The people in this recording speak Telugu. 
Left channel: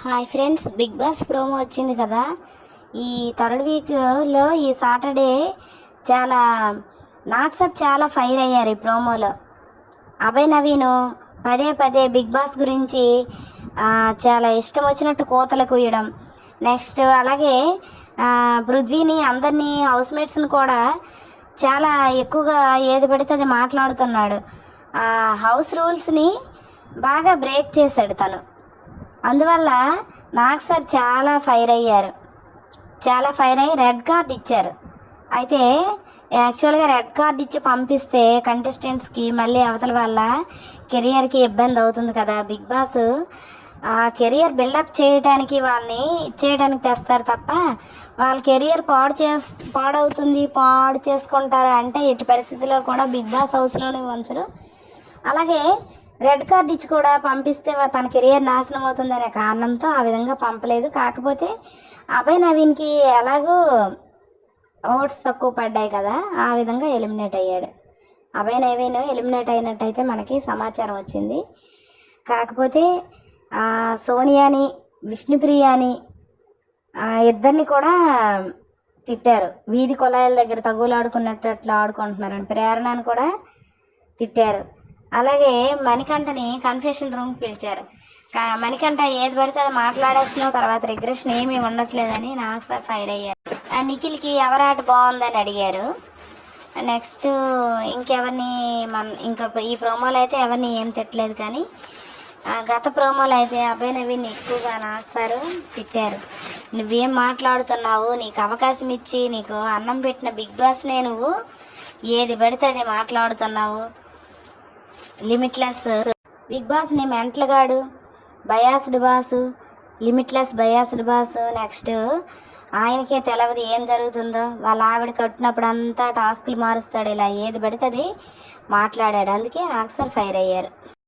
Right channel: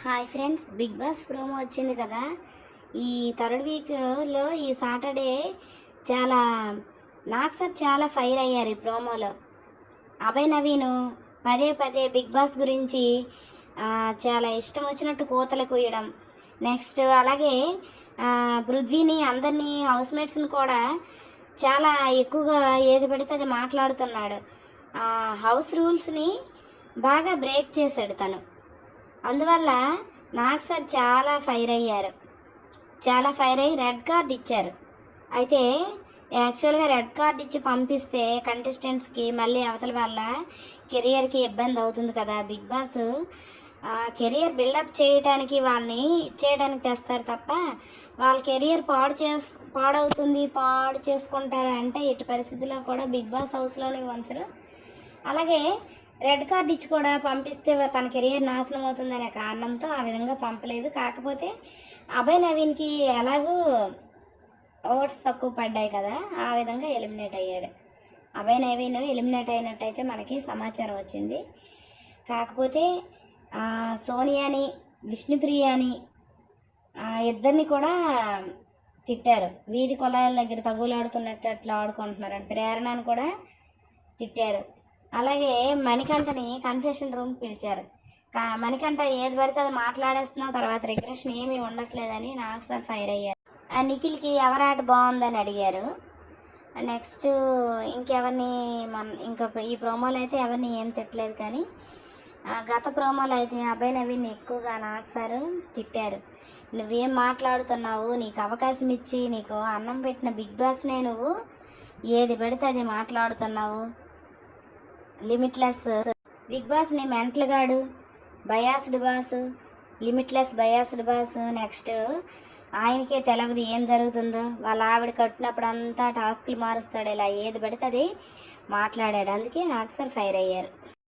Hi friends Big Boss promo వచ్చింది కదా. ఈ థర్డ్ వీక్లో ఈ సాటర్డే చాలా నాకు సార్ చాలా ఫైర్ అయ్యారు ఈ ప్రోమోలో అభయ్ నవీను పదే పదే బిగ్ బాస్ గురించి చాలా ఇష్టం వచ్చినట్టు కోతలు కూయడం. నెక్స్ట్ అలాగే పృథ్వీని అందరినీ హౌస్మేట్స్ని కూడా చాలా ఎక్కువగా ఏది పడితే అది మాట్లాడుతున్నాడు. హౌస్ రూల్స్ని బాగా బ్రేక్ చేశాడు తను. అందువల్ల నాకు సార్ చాలా ఫైర్ అయ్యారు. చాలా ఫైర్ అయ్యి రెడ్ కార్డ్ ఇచ్చారు. అయితే యాక్చువల్గా రెడ్ కార్డ్ ఇచ్చి పంపిస్తే కంటెస్టెంట్స్కి మళ్ళీ అవతల వల్ల కెరియర్కి ఇబ్బంది అవుతుంది కదా బిగ్ బాస్. కెరియర్ బిల్డప్ చేయడానికి వాళ్ళని ఇచ్చేయడానికి తెస్తారు తప్ప వాళ్ళ కెరియర్ పాడు చేస్ పాడవుతుంది పాడు చేసుకుంటారు అంటే ఎట్టి పరిస్థితిలో కూడా బిగ్ బాస్ హౌస్లోనే ఉంచరు. అలాగే రెడ్ కార్డ్ ఇచ్చి కూడా పంపిస్తే తన కెరియర్ నాశనం అవుతుందనే కారణంతో ఆ విధంగా పంపలేదు. కాకపోతే అభయ్ నవీన్కి ఎలాగో ఓట్స్ తక్కువ పడ్డాయి కదా ఆ విధంగా ఎలిమినేట్ అయ్యాడు. అభయ్ నవీన్ ఎలిమినేట్ అయినట్టయితే మనకి సమాచారం వచ్చింది. కాకపోతే సోనియాని విష్ణుప్రియాని ఇద్దరిని కూడా తిట్టారు. వీధి కొలాయిల దగ్గర తగులాడుకున్నట్టు అట్లా ఆడుకుంటున్నారని ప్రేరణను కూడా తిట్టారు. అలాగే మణికంఠని కన్ఫెషన్ రూమ్ పిలిచారు. కా- మణికంఠ ఏది పడితే అది మాట్లాడేస్తున్నావు తర్వాత రిగ్రెషన్ ఏమీ ఉండట్లేదని నాకు సార్ ఫైర్ అయ్యారు. ఆ నిఖిల్కి ఎవరాట బాగుందని అడిగారు. నెక్స్ట్ ఇంకెవరిని మన ఇంకా ఈ ప్రోమోలో అయితే ఎవరిని ఏం తిట్టలేదు కానీ ఆ గత ప్రోమోలో అయితే అభయ నవీన్ ఎక్కువగా నాకు సారు తిట్టారు. నువ్వేం మాట్లాడుతున్నావు? నీకు అవకాశం ఇచ్చి నీకు అన్నం పెట్టిన బిగ్ బాస్నే నువ్వు? ఏది పడితే అది మాట్లాడుతున్నావు? Limitless Big Boss మెంట్లగాడు. Mental biased boss. Limitless biased boss. Next ఆయనకే తెలవదు ఏం జరుగుతుందో. వాళ్ళ ఆవిడ కట్టినప్పుడు అంతా టాస్క్లు మారుస్తాడు. ఇలా ఏది పడితే అది మాట్లాడాడు. అందుకే నాకు సార్ ఫైర్ అయ్యారు.